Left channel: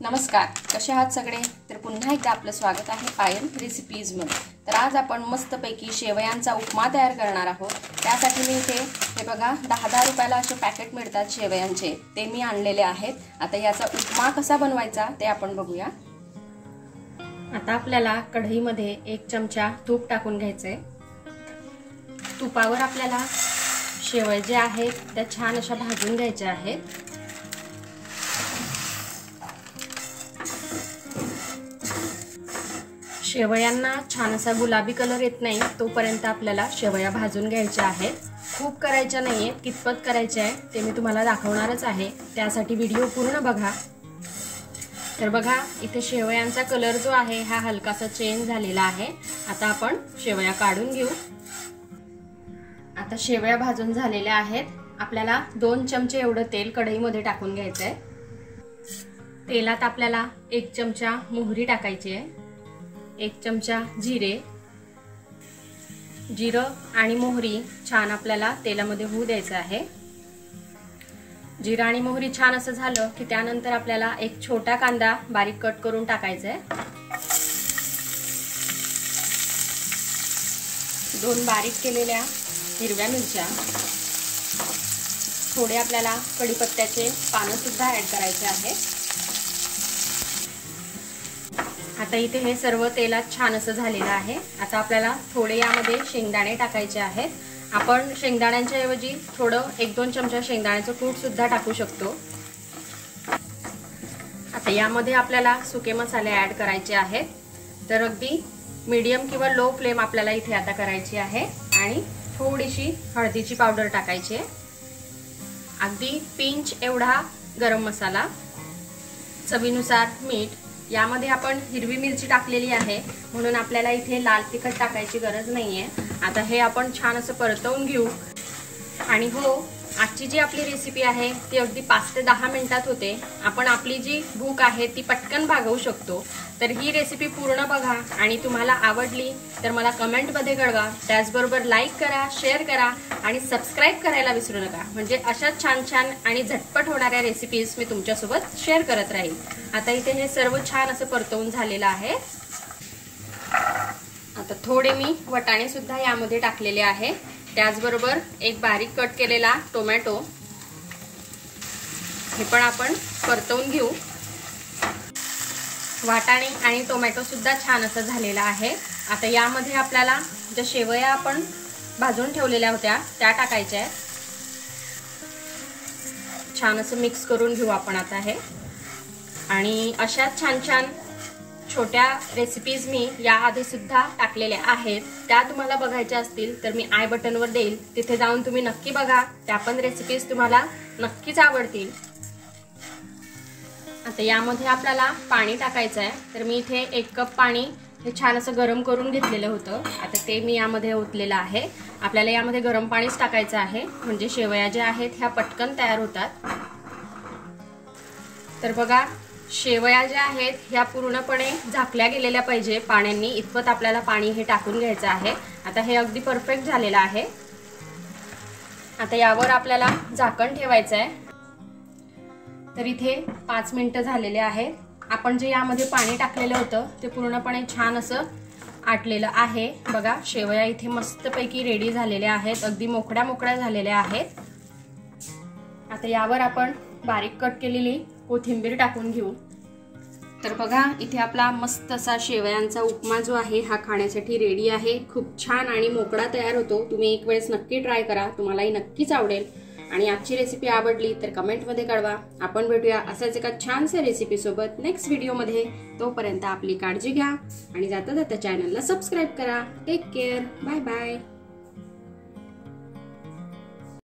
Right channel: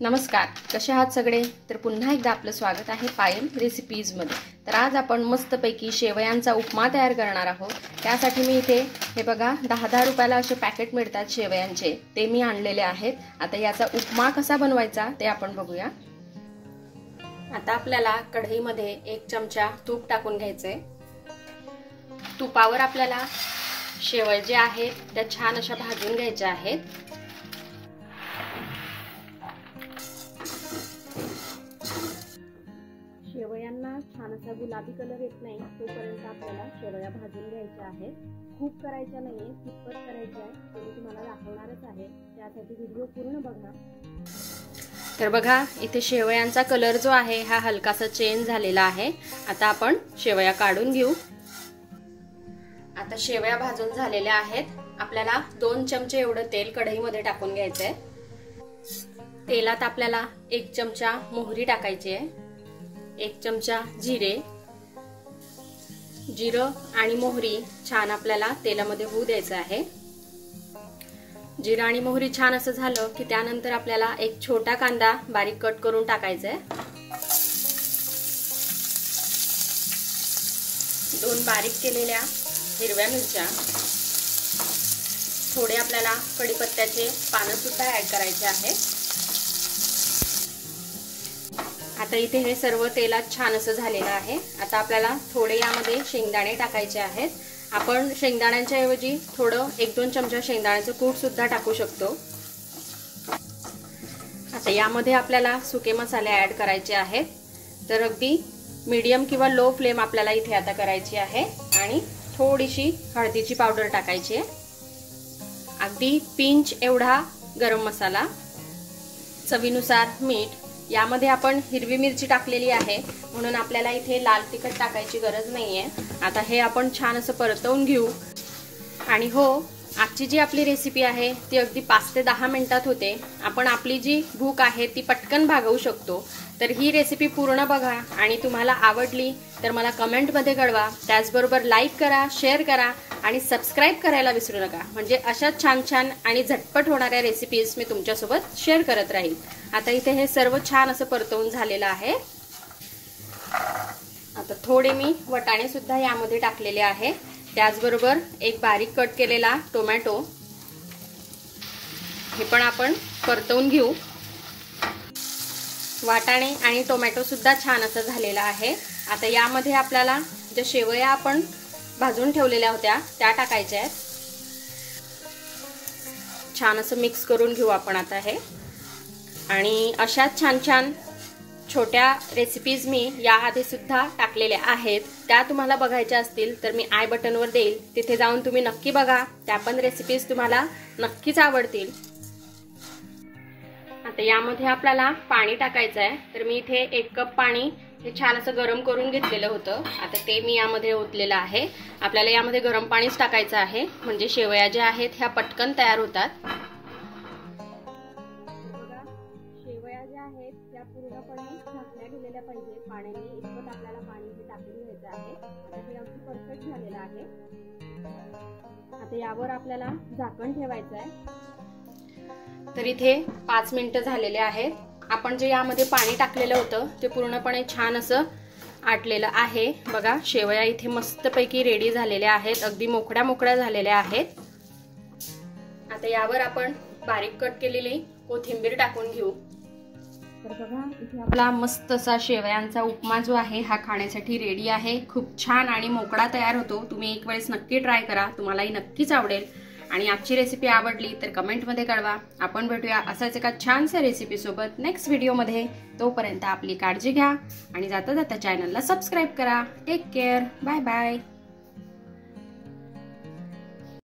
नमस्कार, कसे आहात सगळे? तर पुन्हा एकदा आपलं स्वागत आहे पायल रेसिपीज मध्ये। तर आज आपण मस्तपैकी शेवयांचा उपमा तयार करणार आहोत। त्यासाठी मी इथे हे बघा 10-10 रुपयाला असे पॅकेट मिळतात शेवयांचे, ते मी आणलेले आहेत। आता याचा उपमा कसा बनवायचा ते आपण बघूया। आता आपल्याला कढईमध्ये 1 चमचा तूप टाकून घ्यायचे। तुपावर आपल्याला शेवया जे आहेत त्या छान अशा भाजून घ्यायच्या आहेत। शेवयांना छान असा गुलाबी कलर येत नाही तोपर्यंत आपल्याला शेवया भाजून घ्यायच्या आहेत। खूप करायच्या नाहीये, कितपत करायचे आहे ते मी तुम्हाला दाखवणारच आहे, त्यासाठी व्हिडिओ पूर्ण बघा। तर बघा इथे शेवयांचा कलर जो आहे हा हलकासा चेंज झालेला आहे। आता आपण शेवया काढून घेऊ। आता शेवया भाजून झालेल्या आहेत। आपल्याला 2 चमचे एवढं तेल कढईमध्ये टाकून घ्यायचंय। तेलात आपल्याला 1 चमचा मोहरी टाकायची आहे, 1 चमचा जिरं आणि मोहरी छान आपल्याला तेलामध्ये होऊ द्यायचं आहे। जिरं आणि मोहरी छान असं झालं की त्यानंतर आपल्याला 1 छोटा कांदा बारीक कट करून टाकायचा आहे। 2 बारीक केलेल्या हिरव्या मिरच्या, थोडे आपल्याला कढीपत्त्याचे पानं सुद्धा ऍड करायचे आहेत। आता इथे हे सर्व तेलात छान असं झालेलं आहे। आता आपल्याला थोडे यामध्ये शेंगदाणे टाकायचे आहेत। आपण शेंगदाण्यांच्या ऐवजी थोडं 1-2 चमचा शेंगदाण्याचं कूट सुद्धा टाकू शकतो। आता यामध्ये आपल्याला सुके मसाले ऍड करायचे आहेत। तर अगदी मीडियम किंवा लो फ्लेम आपल्याला इथे आता करायची आहे आणि थोडीशी हळदीची पावडर टाकायची आहे। अगदी पिंच एवढा गरम मसाला, चवीनुसार मीठ। यामध्ये आपण हिरवी मिरची टाकलेली आहे म्हणून आपल्याला इथे लाल तिखट टाकायची गरज नाहीये। आता हे आपण छान असं परतवून घेऊ। आणि हो, आजची जी आपली रेसिपी आहे ती अगदी 5 ते 10 मिनिटात होते। आपण आपली जी भूक आहे ती पटकन भागवू शकतो। तर ही रेसिपी पूर्ण बघा आणि तुम्हाला आवडली तर मला कमेंट मध्ये कळवा। त्याचबरोबर लाईक करा, शेअर करा आणि सबस्क्राईब करायला विसरू नका, म्हणजे अशाच छान छान आणि झटपट होणाऱ्या रेसिपीज मी तुमच्यासोबत शेअर करत राहील। आता इथे हे सर्व छान असं परतवून झालेलं आहे। आता थोडे मी वाटाणे सुद्धा यामध्ये टाकलेले आहे। त्याचबरोबर 1 बारीक कट केलेला टोमॅटो, हे पण आपण परतवून घेऊ। वाटाणे आणि टोमॅटो सुद्धा छान असं झालेला आहे। आता यामध्ये आपल्याला ज्या शेवया आपण भाजून ठेवलेल्या होत्या त्या टाकायच्या आहेत। छान असं मिक्स करून घेऊ आपण आता हे। आणि अशा छान छान छोट्या रेसिपीज मी याआधी सुद्धा टाकलेल्या आहेत, त्या तुम्हाला बघायच्या असतील तर मी आय बटनवर देईल, तिथे जाऊन तुम्ही नक्की बघा। त्या पण रेसिपीज तुम्हाला नक्कीच आवडतील। आता यामध्ये आपल्याला पाणी टाकायचं आहे। तर मी इथे 1 कप पाणी हे छान असं गरम करून घेतलेलं होतं, आता ते मी यामध्ये ओतलेलं आहे। आपल्याला यामध्ये गरम पाणीच टाकायचं आहे, म्हणजे शेवया ज्या आहेत ह्या पटकन तयार होतात। तर बघा शेवया ज्या आहेत ह्या पूर्णपणे झाकल्या गेलेल्या पाहिजे पाण्याने, इतपत आपल्याला पाणी हे टाकून घ्यायचं आहे। आता हे अगदी परफेक्ट झालेलं आहे। आता यावर आपल्याला झाकण ठेवायचं आहे। तर इथे 5 मिनिटं झालेले आहेत। आपण जे यामध्ये पाणी टाकलेलं होतं ते पूर्णपणे छान असं आटलेलं आहे। बघा शेवया इथे मस्तपैकी रेडी झालेल्या आहेत, अगदी मोकळ्या मोकळ्या झालेल्या आहेत। आता यावर आपण बारीक कट केलेली कोथिंबीर टाकून घेऊ। तर बघा इथे आपला मस्त असा शेवयांचा उपमा जो आहे हा खाण्यासाठी रेडी आहे। खूप छान आणि मोकळा तयार होतो। तुम्ही एक वेळेस नक्की ट्राय करा, तुम्हालाही नक्कीच आवडेल। आणि आजची रेसिपी आवडली तर कमेंट मध्ये कळवा। आपण भेटूया असाच एका छानशा रेसिपी सोबत नेक्स्ट व्हिडिओ मध्ये। तोपर्यंत आपली काळजी घ्या आणि जाता जाता चॅनलला सबस्क्राईब करा। Take care, bye bye.